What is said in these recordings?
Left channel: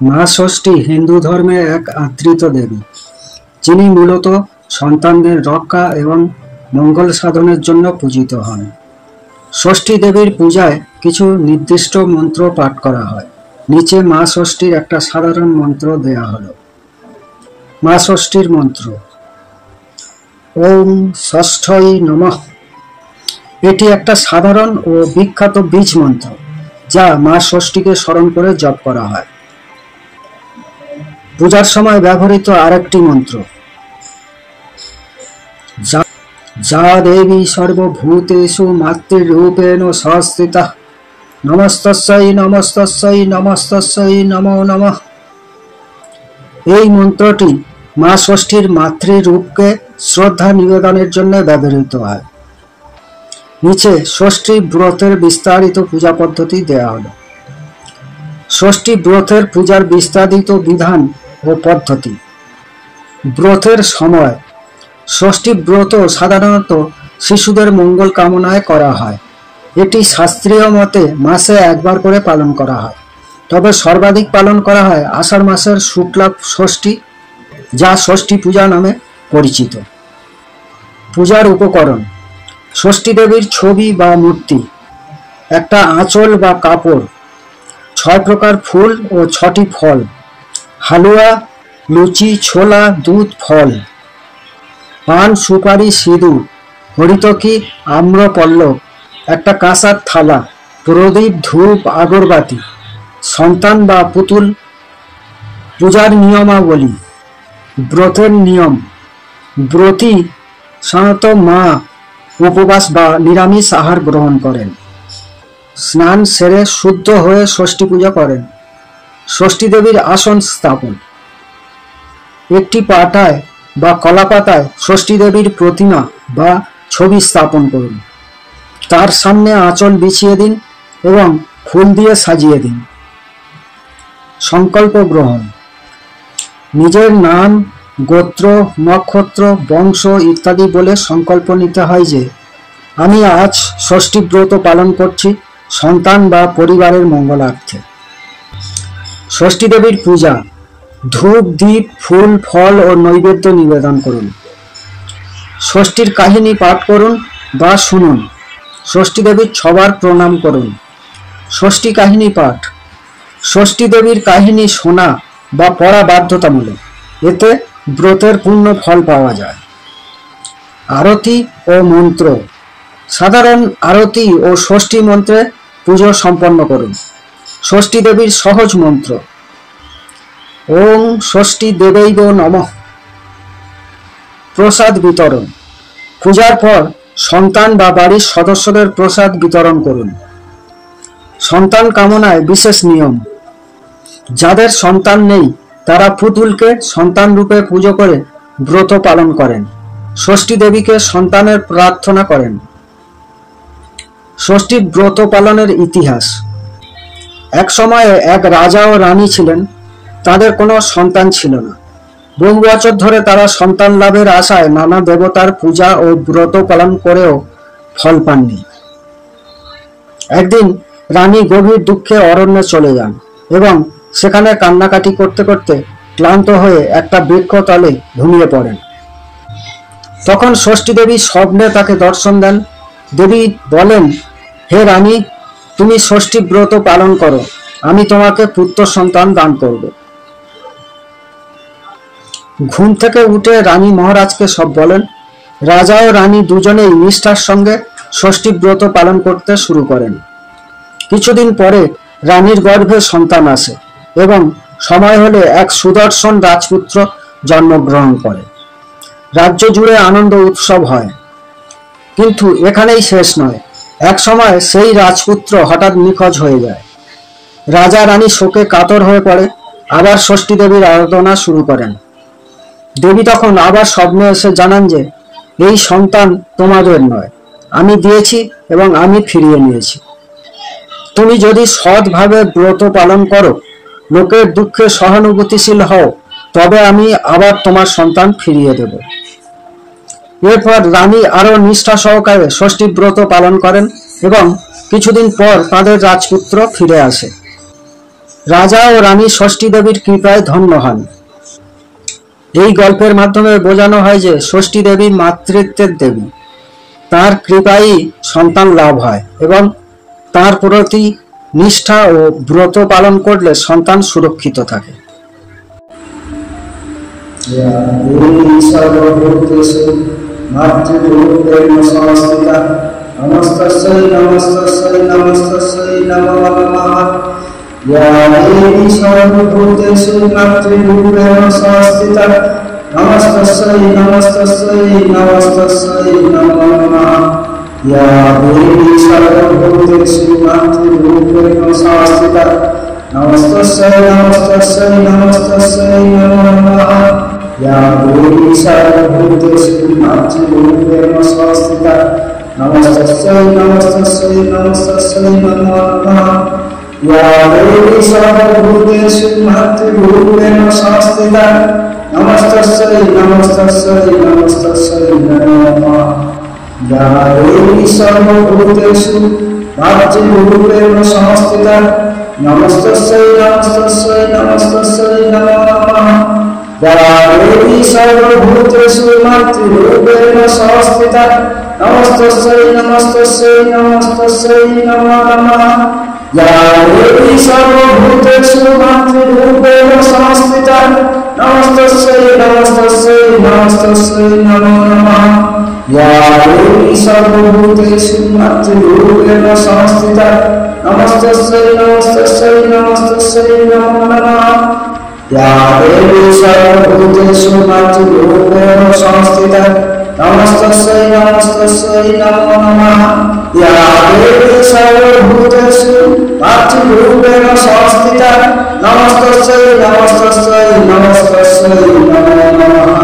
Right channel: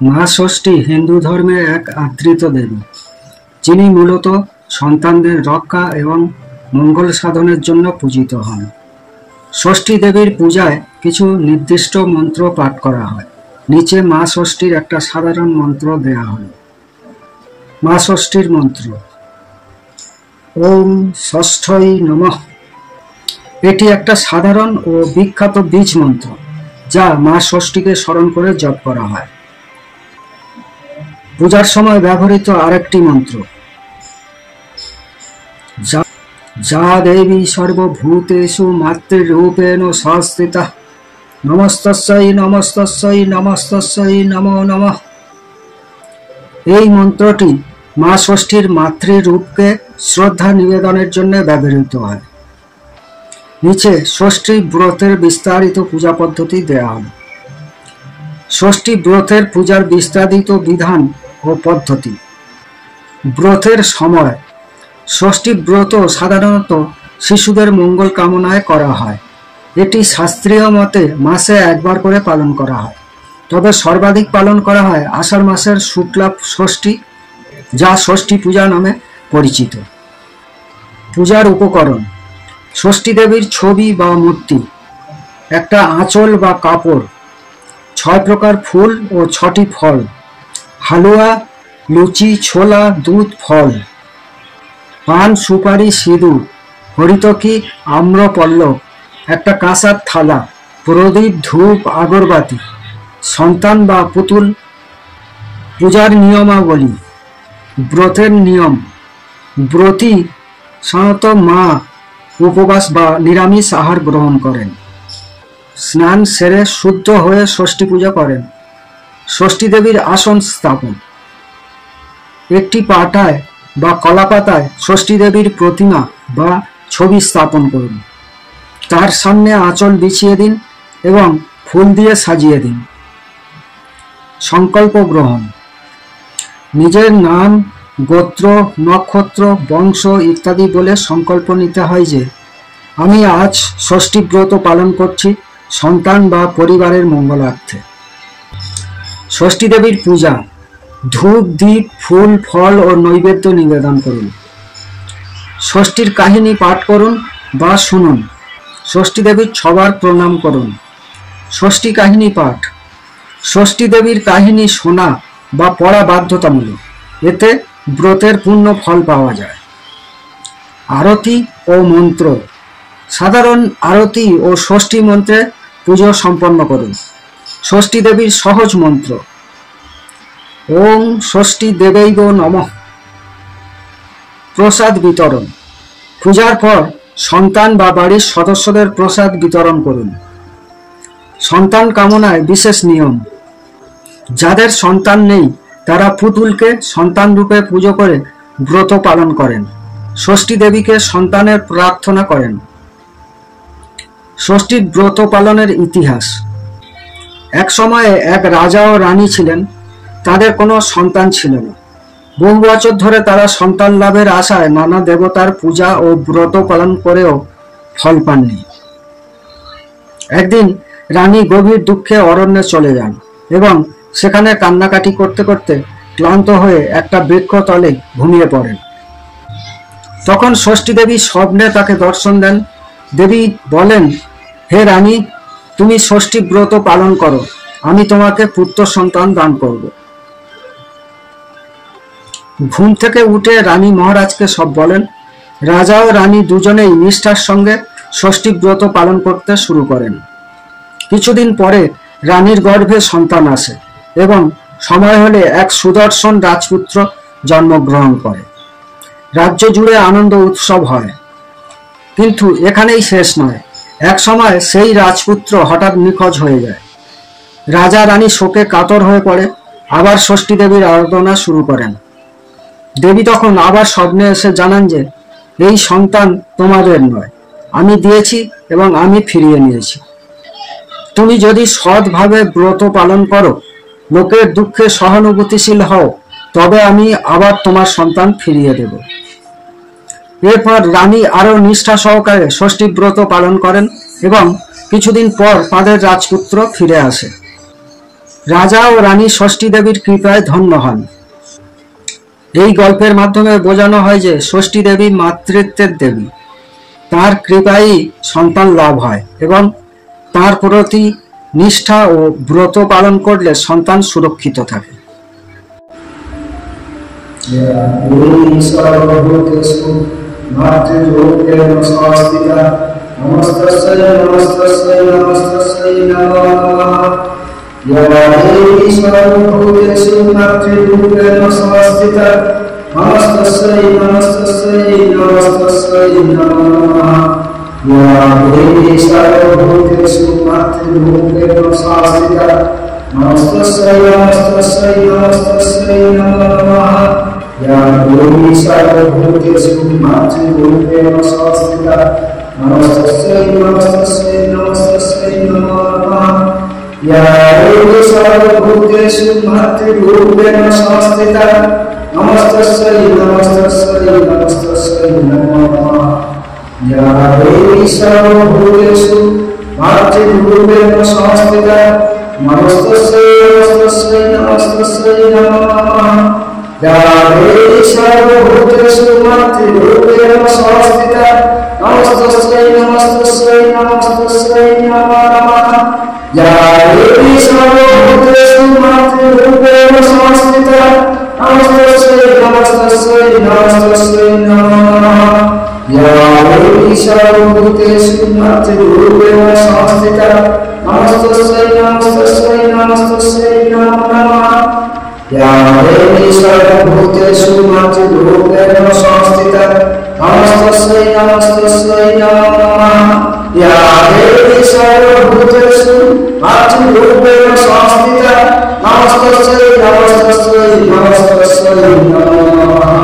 মা ষষ্ঠী হিন্দু ধর্মে এক আদৃত দেবী, যিনি মূলত সন্তানদের রক্ষা এবং মঙ্গল সাধনের জন্য পূজিত হন। ষষ্ঠী দেবীর পূজায় কিছু নির্দিষ্ট মন্ত্র পাঠ করা হয়। নিচে মা ষষ্ঠীর একটা সাধারণ মন্ত্র দেয়া হলো। মা ষষ্ঠীর মন্ত্র: ওম ষষ্ঠৈ নমঃ। এটি একটা সাধারণ ও বিখ্যাত বীজ মন্ত্র, যা মা ষষ্ঠীকে স্মরণ করে জপ করা হয়। পূজার সময় ব্যবহৃত আরেকটি মন্ত্র: যা দেবী সর্বভূতেষু মাতৃরূপেণ সংস্থিতা নমস্তস্যৈ নমস্তস্যৈ নমস্তস্যৈ নমো নমঃ। এই মন্ত্রটি মা ষষ্ঠীর মাতৃরূপকে শ্রদ্ধা নিবেদনের জন্য ব্যবহৃত হয়। নিচে ষষ্ঠী ব্রতের বিস্তারিত পূজা পদ্ধতি দেয়া হলো। ষষ্ঠী ব্রতের পূজার বিস্তারিত বিধান ও পদ্ধতি। ব্রতের সময়: ষষ্ঠী ব্রত সাধারণত শিশুদের মঙ্গল কামনায় করা হয়। এটি শাস্ত্রীয় মতে মাসে একবার করে পালন করা হয়, তবে সর্বাধিক পালন করা হয় আষাঢ় মাসের শুক্লা ষষ্ঠী, যা ষষ্ঠী পূজা নামে পরিচিত। পূজার উপকরণ: ষষ্ঠী দেবীর ছবি বা মূর্তি, একটা আঁচল বা কাপড়, 6 প্রকার ফুল ও 6টি ফল, হালুয়া, লুচি, ছোলা, দুধ, ফল, পান, সুপারি, সিঁদুর, হরিতকি, আম্রপল্লব, একটা কাঁসার থালা, প্রদীপ, ধূপ, আগরবাতি, সন্তান বা পুতুল। পূজার নিয়মাবলী: ব্রতের নিয়ম: ব্রতী সাধারণত মা উপবাস বা নিরামিষ আহার গ্রহণ করেন। স্নান সেরে শুদ্ধ হয়ে ষষ্ঠী পূজা করেন। ষষ্ঠী দেবীর আসন স্থাপন: একটি পাটায় বা কলাপাতায় ষষ্ঠী দেবীর প্রতিমা বা ছবি স্থাপন করুন। তার সামনে আঁচল বিছিয়ে দিন এবং ফুল দিয়ে সাজিয়ে দিন। সংকল্প গ্রহণ: নিজের নাম, গোত্র, নক্ষত্র, বংশ ইত্যাদি বলে সংকল্প নিতে হয় যে আমি আজ ষষ্ঠী ব্রত পালন করছি সন্তান বা পরিবারের মঙ্গলার্থে। ষষ্ঠী দেবীর পূজা: ধূপ, দীপ, ফুল, ফল ও নৈবেদ্য নিবেদন করুন। ষষ্ঠীর কাহিনী পাঠ করুন বা শুনুন। ষষ্ঠী দেবীর সবার প্রণাম করুন। ষষ্ঠী কাহিনী পাঠ: ষষ্ঠী দেবীর কাহিনী শোনা বা পড়া বাধ্যতামূলক, এতে ব্রতের পূর্ণ ফল পাওয়া যায়। আরতি ও মন্ত্র: সাধারণ আরতি ও ষষ্ঠী মন্ত্রে পুজো সম্পন্ন করুন। ষষ্ঠী দেবীর সহজ মন্ত্র: ওং ষষ্ঠী দেবৈব নমঃ। প্রসাদ বিতরণ: পূজার পর সন্তান বা বাড়ির সদস্যদের প্রসাদ বিতরণ করুন। সন্তান কামনায় বিশেষ নিয়ম: যাদের সন্তান নেই তারা পুতুলকে সন্তান রূপে পুজো করে ব্রত পালন করেন। ষষ্ঠী দেবীকে সন্তানের প্রার্থনা করেন। ষষ্ঠীর ব্রত পালনের ইতিহাস: এক সময়ে এক রাজা ও রানী ছিলেন। তাদের কোনো সন্তান ছিল না। বহু বছর ধরে তারা সন্তান লাভের আশায় নানা দেবতার পূজা ও ব্রত পালন করেও ফল পাননি। একদিন রানী গভীর দুঃখে অরণ্যে চলে যান এবং সেখানে কান্নাকাটি করতে করতে ক্লান্ত হয়ে একটা বৃক্ষতলে ঘুমিয়ে পড়েন। তখন ষষ্ঠী দেবী স্বপ্নে তাকে দর্শন দেন। দেবী বলেন, হে রানী, তুমি ষষ্ঠী ব্রত পালন করো, আমি তোমাকে পুত্র সন্তান দান করব। ঘুম থেকে উঠে রানী মহারাজকে সব বলেন। রাজা ও রানী দুজনেই নিষ্ঠার সঙ্গে ষষ্ঠী ব্রত পালন করতে শুরু করেন। কিছুদিন পরে রানীর গর্ভে সন্তান আসে এবং সময় হলে এক সুদর্শন রাজপুত্র জন্মগ্রহণ করে। রাজ্য জুড়ে আনন্দ উৎসব হয়। কিন্তু এখানেই শেষ নয়। এক সময় সেই রাজপুত্র হঠাৎ নিখোঁজ হয়ে যায়। রাজা রানী শোকে কাতর হয়ে পড়ে, আবার ষষ্ঠী দেবীর আরাধনা শুরু করেন। দেবী তখন আবার স্বপ্নে এসে জানান যে এই সন্তান তোমাদের নয়, আমি দিয়েছি এবং আমি ফিরিয়ে নিয়েছি। তুমি যদি সৎভাবে ব্রত পালন করো, লোকের দুঃখে সহানুভূতিশীল হও, তবে আমি আবার তোমার সন্তান ফিরিয়ে দেব। এরপর রানী আরো নিষ্ঠা সহকারে ষষ্ঠী ব্রত পালন করেন এবং কিছুদিন পর তাদের রাজপুত্র ফিরে আসে। রাজা ও রানী ষষ্ঠী দেবীর কৃপায় ধন্য হন। এই গল্পের মাধ্যমে বোঝানো হয় যে ষষ্ঠী দেবী মাতৃত্বের দেবী, তার কৃপায় সন্তান লাভ হয় এবং তার প্রতি নিষ্ঠা ও ব্রত পালন করলে সন্তান সুরক্ষিত থাকে। নমস্তস্যৈ নমস্তস্যৈ নমস্তস্যৈ নমো নমঃ। या देवी सर्वभूतेषु मातृरूपेण संस्थिता नमस्तस्यै नमस्तस्यै नमस्तस्यै नमो नमः। या देवी सर्वभूतेषु मातृरूपेण संस्थिता नमस्तस्यै नमस्तस्यै नमस्तस्यै नमो नमः। या देवी सर्वभूतेषु मातृरूपेण संस्थिता नमस्तस्यै नमस्तस्यै नमस्तस्यै नमो नमः। या देवी सर्वभूतेषु मातृरूपेण संस्थिता नमस्तस्यै नमस्तस्यै नमस्तस्यै नमो नमः। या देवी सर्वभूतेषु मातृरूपेण संस्थिता नमस्तस्यै नमस्तस्यै नमस्तस्यै नमो नमः। या देवी सर्वभूतेषु मातृरूपेण संस्थिता नमस्तस्यै नमस्तस्यै नमस्तस्यै नमो नमः। या देवी सर्वभूतेषु मातृरूपेण संस्थिता नमस्तस्यै नमस्तस्यै नमस्तस्यै नमो नमः। या देवी सर्वभूतेषु मातृरूपेण संस्थिता नमस्तस्यै नमस्तस्यै नमस्तस्यै नमो नमः। या देवी सर्वभूतेषु मातृरूपेण संस्थिता नमस्तस्यै नमस्तस्यै नमो नमः। या देवी सर्वभूतेषु मातृरूपेण संस्थिता नमस्तस्यै नमस्तस्यै नमस्तस्यै नमो नमः।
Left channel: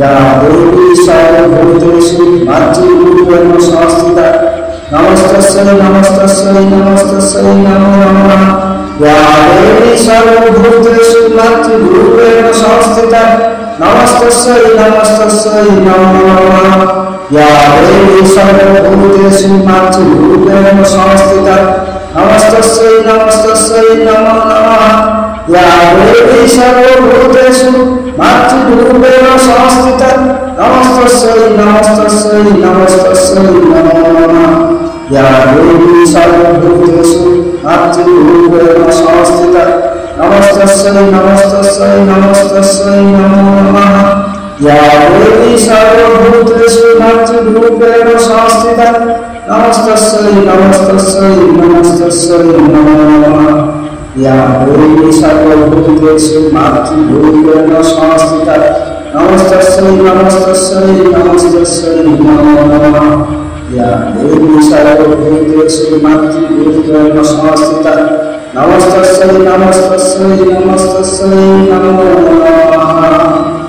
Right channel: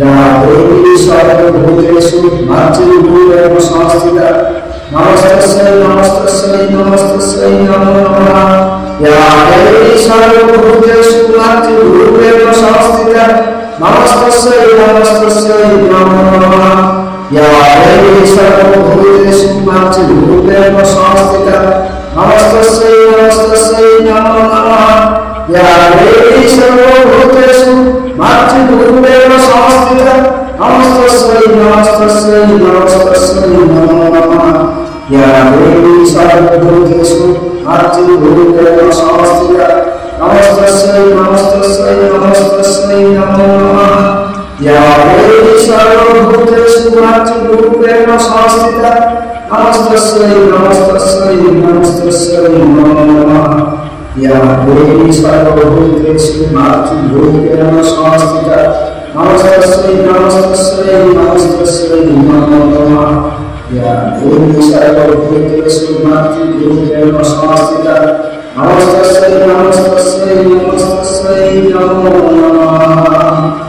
या देवी सर्वभूतेषु मातृरूपेण संस्थिता नमस्तस्यै नमस्तस्यै नमस्तस्यै नमो नमः। या देवी सर्वभूतेषु मातृरूपेण संस्थिता नमस्तस्यै नमस्तस्यै नमो नमः। या देवी सर्वभूतेषु मातृरूपेण संस्थिता नमस्तस्यै नमस्तस्यै नमो नमः। या देवी सर्वभूतेषु मातृरूपेण संस्थिता नमस्तस्यै नमस्तस्यै नमस्तस्यै नमो नमः। या देवी सर्वभूतेषु मातृरूपेण संस्थिता नमस्तस्यै नमस्तस्यै नमस्तस्यै नमो नमः। या देवी सर्वभूतेषु मातृरूपेण संस्थिता नमस्तस्यै नमस्तस्यै नमस्तस्यै नमो नमः। या देवी सर्वभूतेषु मातृरूपेण संस्थिता नमस्तस्यै नमस्तस्यै नमस्तस्यै नमो नमः। या देवी सर्वभूतेषु मातृरूपेण संस्थिता नमस्तस्यै नमस्तस्यै नमस्तस्यै नमो नमः।